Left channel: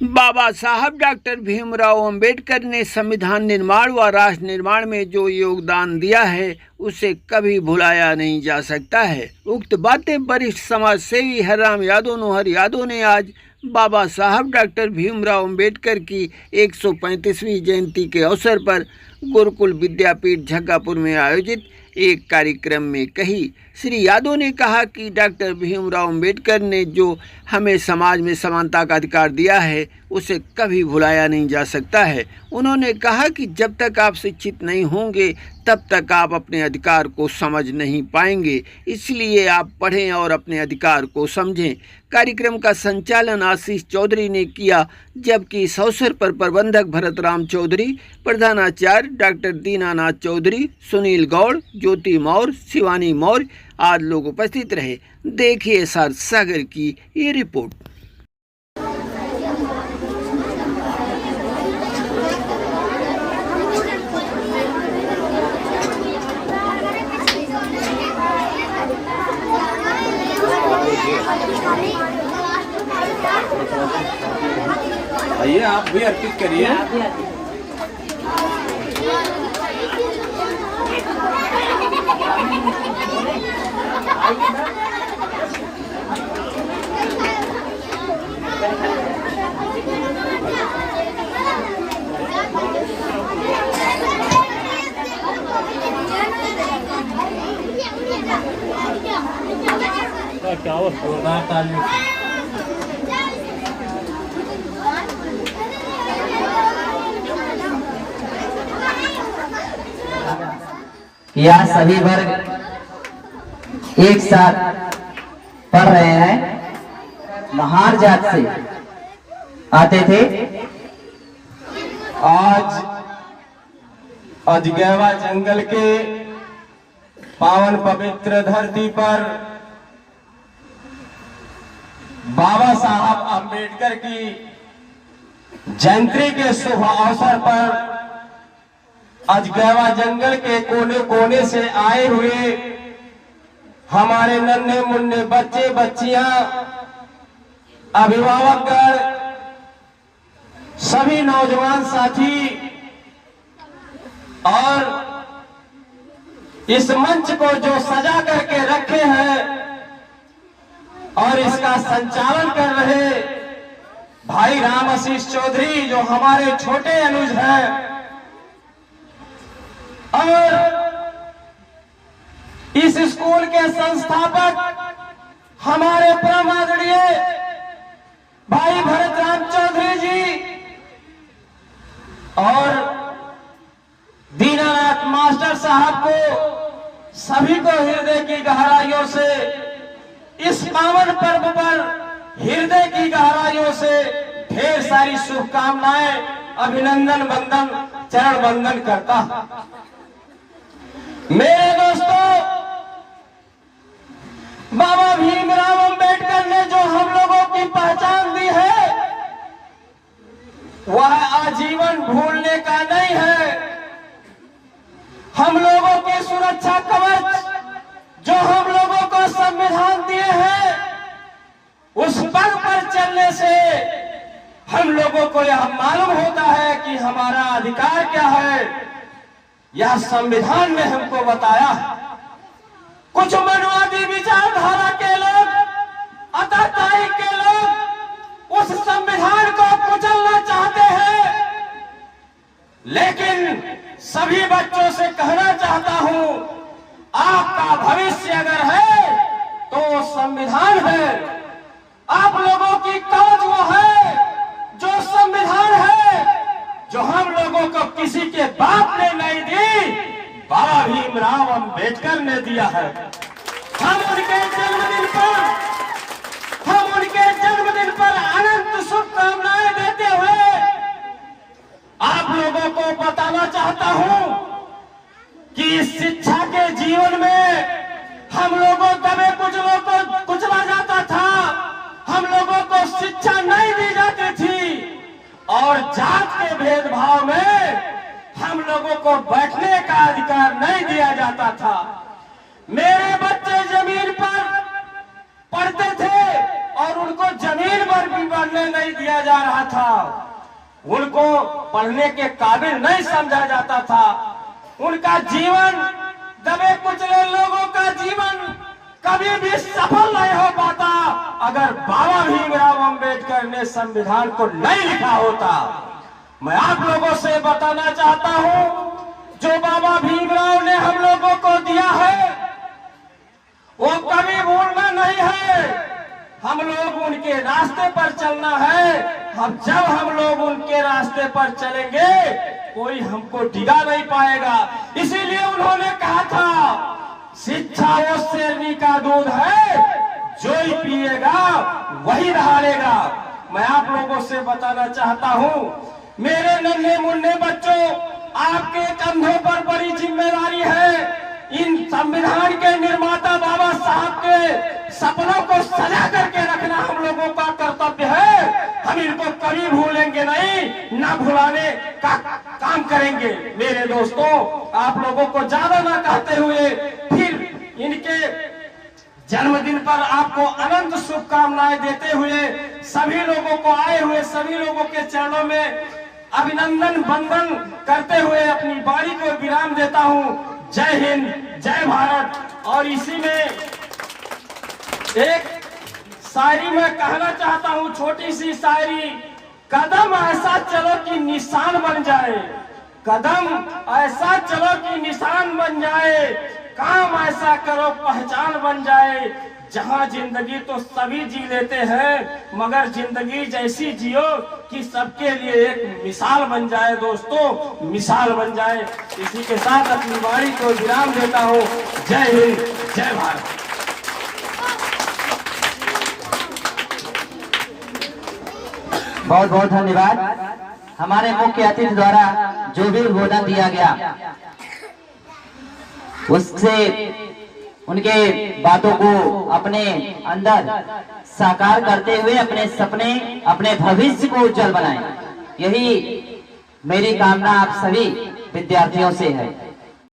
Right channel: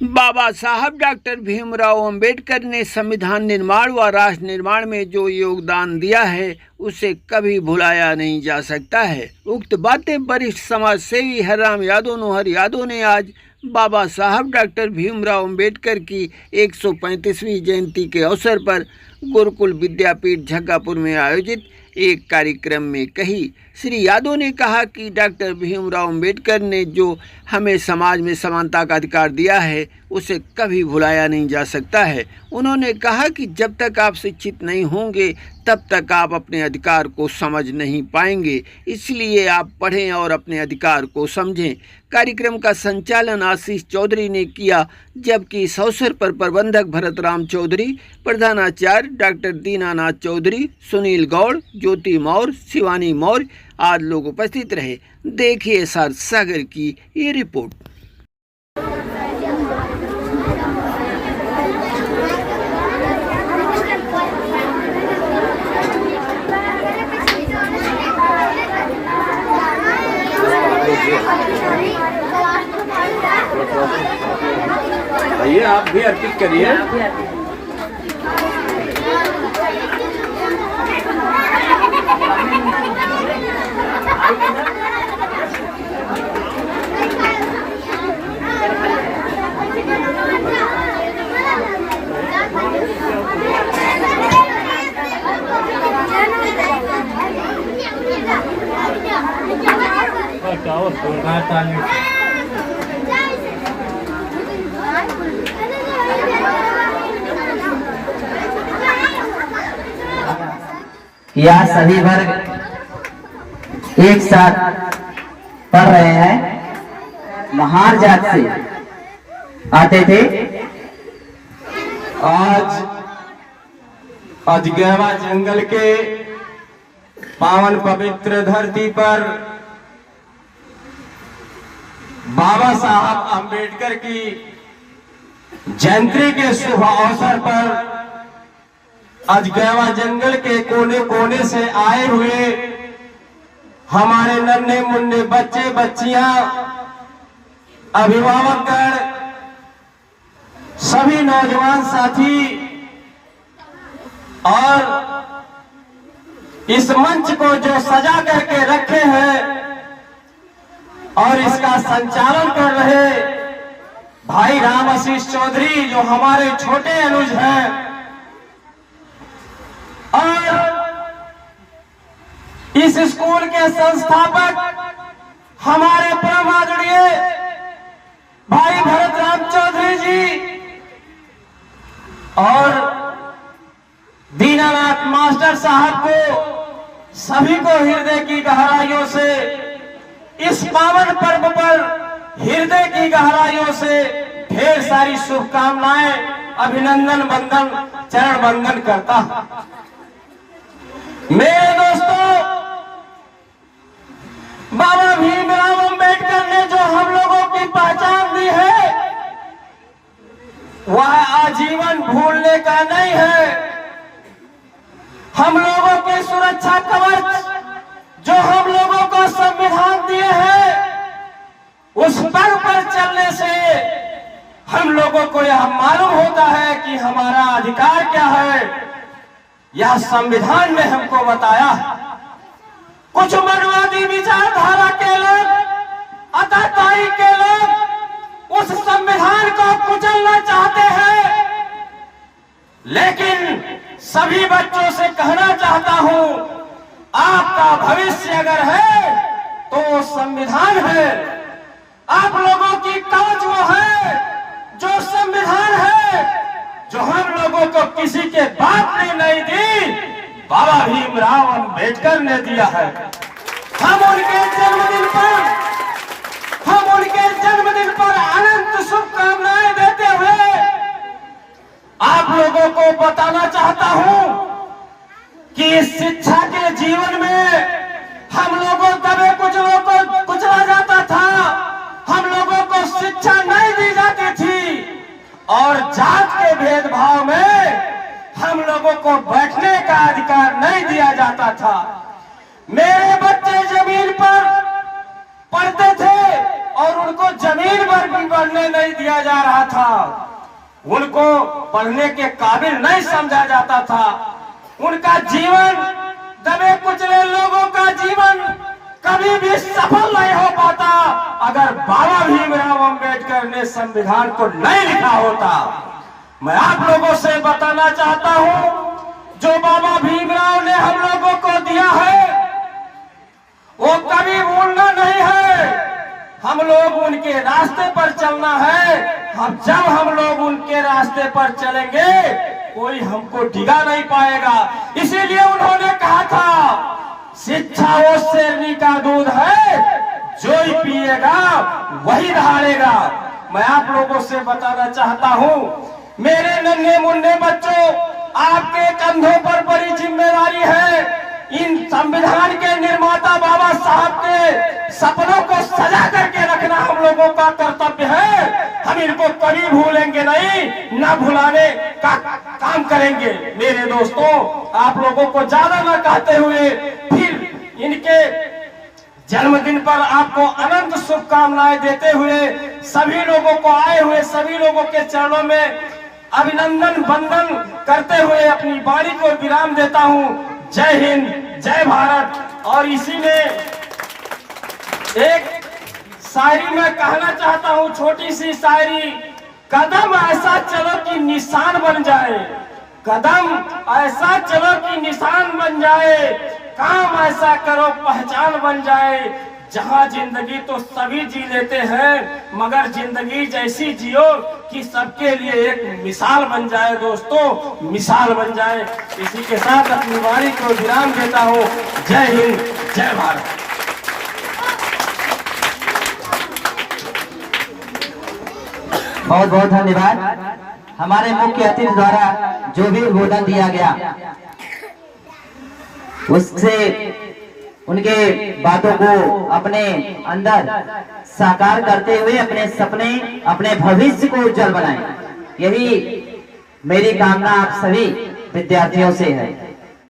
बाबा साहब डॉक्टर भीमराव अंबेडकर ने संविधान निर्माण व राष्ट्र निर्माण में जो योगदान दिया है उसे कभी भुलाया नहीं जा सकता है। उक्त बातें वरिष्ठ समाज सेवी हरराम यादव ने आज बाबा साहब डॉक्टर भीमराव अंबेडकर की 135वीं जयंती के अवसर पर गुरुकुल विद्यापीठ जग्गापुर में आयोजित एक कार्यक्रम में कही। श्री यादव ने कहा कि डॉक्टर भीमराव अंबेडकर ने जो हमें समाज में समानता का अधिकार दिया है उसे कभी भुलाया नहीं जा सकता है। उन्होंने कहा कि जब तक आप शिक्षित नहीं होंगे तब तक आप अपने अधिकार को समझ नहीं पाएंगे, इसलिए आप पढ़ें और अपने अधिकार को समझें। कार्यक्रम का संचालन आशीष चौधरी ने किया, जबकि इस अवसर पर प्रबंधक भरत राम चौधरी, प्रधानाचार्य डॉक्टर दीनानाथ चौधरी, सुनील गौड़, ज्योति मौर्य, शिवानी मौर्य आदि लोग उपस्थित रहे। देखिए एसआर सागर की ये रिपोर्ट। आइए आप भी अर्पित करिए। क्या हो जोरदार ताली। यहाँ सभी वर्ग एक साथ पढ़ रहे हैं। महार जात से आते थे। आज अजगैवा जंगल के पावन पवित्र धरती पर बाबा साहब अंबेडकर की जयंती के शुभ अवसर पर अजगैवा जंगल के कोने कोने से आए हुए हमारे नन्हे मुन्ने बच्चे बच्चियां, अभिभावकगण, सभी नौजवान साथी और इस मंच को जो सजा करके रखे हैं और इसका संचालन कर रहे भाई राम आशीष चौधरी जो हमारे छोटे अनुज हैं, और इस स्कूल के संस्थापक हमारे परम आदरणीय भाई भरत राम चौधरी जी और दीनानाथ मास्टर साहब को, सभी को हृदय की गहराइयों से इस पावन पर्व पर हृदय की गहराइयों से ढेर सारी शुभकामनाएं, अभिनंदन, वंदन, चरण वंदन करता हूं। मेरे दोस्तों, बाबा भीमराव अंबेडकर ने जो हम लोगों की पहचान दी है वह आजीवन भूलने का नहीं है। हम लोगों की सुरक्षा कवच जो हम लोगों को संविधान दिए हैं, उस पर चलने से हम लोगों को यह मालूम होता है कि हमारा अधिकार क्या है। यह संविधान ने हमको बताया। कुछ मनवादी विचारधारा के लोग, अतरदाई के लोग उस संविधान को कुचलना चाहते हैं, लेकिन सभी बच्चों से कहना चाहता हूं, आपका भविष्य अगर है तो वो संविधान है। आप लोगों की कवच वो है जो संविधान है, जो हम लोगों को किसी के बाप ने नहीं दी, बाबा भीमराव अंबेडकर ने दिया है। हम उनके जन्मदिन पर अनंत शुभकामनाएं देते हुए आप लोगों को बताना चाहता हूं कि इस शिक्षा के जीवन में हम लोगों दबे कुचलों को कुचला जाता था, हम लोगों को शिक्षा नहीं दी जाती थी और जात के भेदभाव में हम लोगों को बैठने का अधिकार नहीं दिया जाता था। मेरे बच्चे जमीन पर पढ़ते थे और उनको जमीन पर भी पढ़ने नहीं दिया जा रहा था, उनको पढ़ने के काबिल नहीं समझा जाता था। उनका जीवन, दबे कुचले लोगों का जीवन कभी भी सफल नहीं हो पाता अगर बाबा भीमराव अंबेडकर ने संविधान को नहीं लिखा होता। मैं आप लोगों से बताना चाहता हूं, जो बाबा भीमराव ने हम लोगों को दिया है वो कभी भूलना नहीं है। हम लोग उनके रास्ते पर चलना है। जब हम लोग उनके रास्ते पर चलेंगे कोई हमको डिगा नहीं पाएगा। इसीलिए उन्होंने कहा था, शिक्षा वो शेरनी का दूध है, जो ही पिएगा वही धारेगा। मैं आप लोगों से बताना चाहता हूं, मेरे नन्हे मुन्ने बच्चों, आपके कंधों पर बड़ी जिम्मेदारी है। इन संविधान के निर्माता बाबा साहब के सपनों को सजा करके रखना हम लोगों का कर्तव्य है। हम इनको कभी भूलेंगे नहीं, न भुलाने का काम करेंगे। मेरे दोस्तों, आप लोगों को ज्यादा न कहते हुए फिर इनके जन्मदिन पर आपको अनंत शुभकामनाएं देते हुए सभी लोगों को, आए हुए सभी लोगों के चरणों में अभिनंदन वंदन करते हुए अपनी वाणी को विराम देता हूं। जय हिंद, जय भारत। और इसी में एक शायरी मैं कहना चाहता हूं, छोटी सी शायरी। कदम ऐसा चलो कि निशान बन जाए, कदम ऐसा चलो कि निशान बन जाए, काम ऐसा करो पहचान बन जाए। जहां जिंदगी तो सभी जी लेते हैं, मगर जिंदगी जैसी जियो कि सबके लिए एक मिसाल बन जाए। दोस्तों, मिसाल बन जाए। इसी के साथ अपनी वाणी को विराम देता हूं। जय हिंद, जय भारत। बहुत बहुत धन्यवाद। हमारे मुख्य अतिथि द्वारा जो भी उद्बोधन दिया गया उससे उनके बातों को अपने अंदर साकार करते हुए अपने सपने, अपने भविष्य को उज्जवल बनाएं। यही मेरी कामना आप सभी विद्यार्थियों से है।